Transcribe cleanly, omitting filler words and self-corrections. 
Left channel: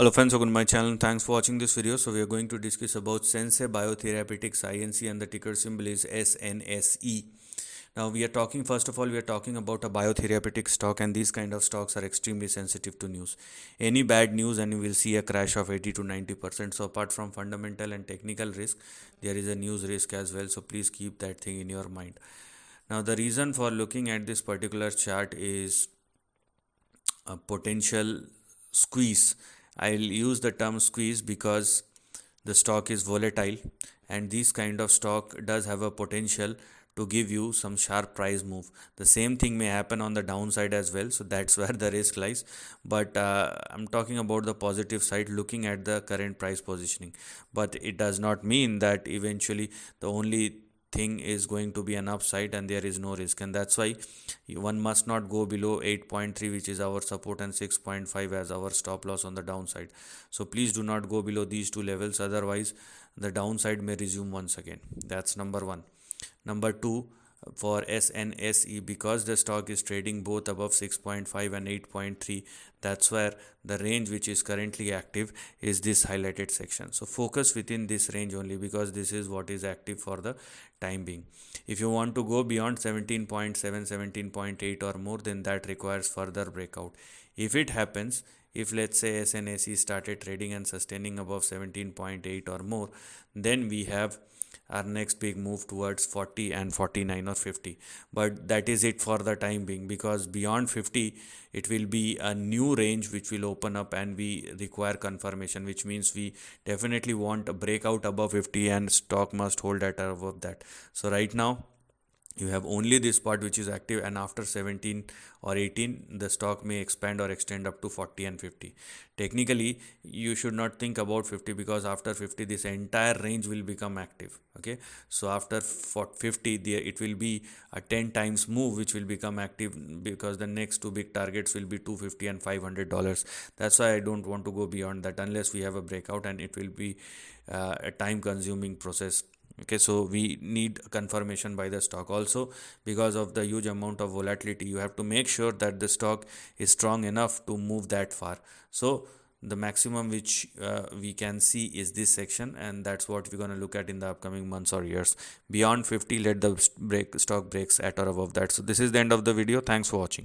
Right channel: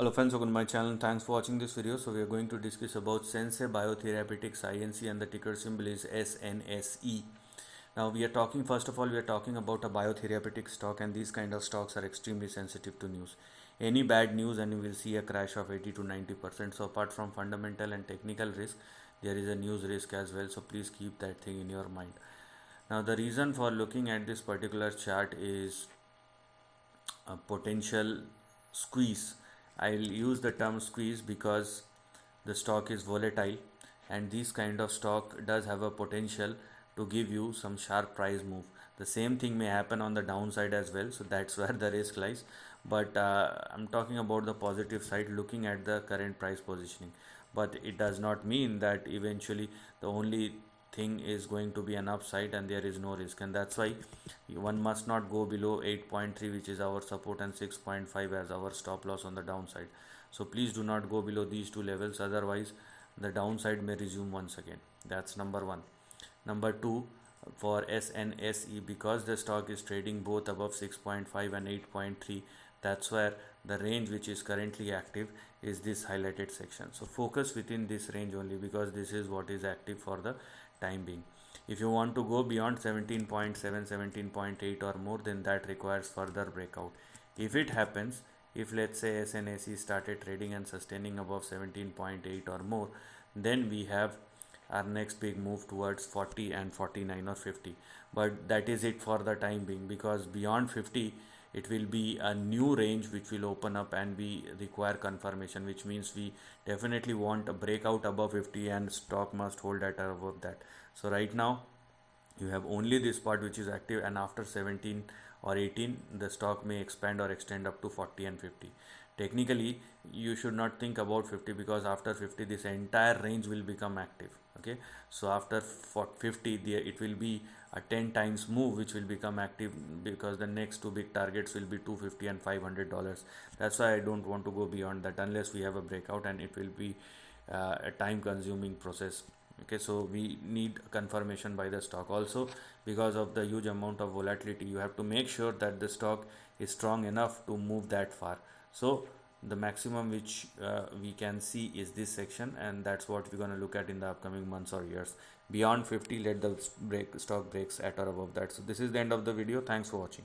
Hello friends, welcome to my channel. Thanks for watching this video. So we are going to discuss about Sensei Biotherapeutics INC, and the ticker symbol is SNSE. Now we are talking, first of all, we are talking about a biotherapeutic stock, and these kind of stocks are extremely sensitive to news. Any bad news and you will see a crash of 80 to 90%. So apart from fundamental and technical risk, there is a news risk as well. So please keep that thing in your mind. Now the reason for looking at this particular chart is a potential squeeze. I'll use the term squeeze because the stock is volatile, and this kind of stock does have a potential to give you some sharp price move. The same thing may happen on the downside as well, so that's where the risk lies. But I'm talking about the positive side, looking at the current price positioning. But it does not mean that eventually the only thing is going to be an upside and there is no risk, and that's why one must not go below 8.3, which is our support, and 6.5 as our stop loss on the downside. So please do not go below these two levels, otherwise the downside may resume once again. That's number one. Number two, for SNSE, because the stock is trading both above 6.5 and 8.3, that's where the range which is currently active is this highlighted section. So focus within this range only, because this is what is active for the time being. If you want to go beyond 17.7, 17.8 or more, then that requires further breakout. If it happens, if let's say SNSE started trading and sustaining above 17.8 or more, then we have our next big move towards 40 and 49 or 50. But that is it for the time being, because beyond 50 it will be a new range which will open up and we require confirmation, which means we definitely want a breakout above 50 and stock must hold at above that. So right now you have only this part which is active, and after 17 or 18 the stock may expand or extend up to 40 and 50. Technically you should not think about 50, because after 50 this entire range will become active. Okay, so after 50 there it will be a 10 times move which will become active, because the next two big targets will be 250 and $500. That's why I don't want to go beyond that unless we have a breakout, and it will be a time consuming process. Okay, so we need confirmation by the stock. Also, because of the huge amount of volatility, you have to make sure that the stock is strong enough to move that far. So the maximum which we can see is this section, and that's what we're going to look at in the upcoming months or years. Beyond 50, let the stock breaks at or above that. So this is the end of the video. Thanks for watching.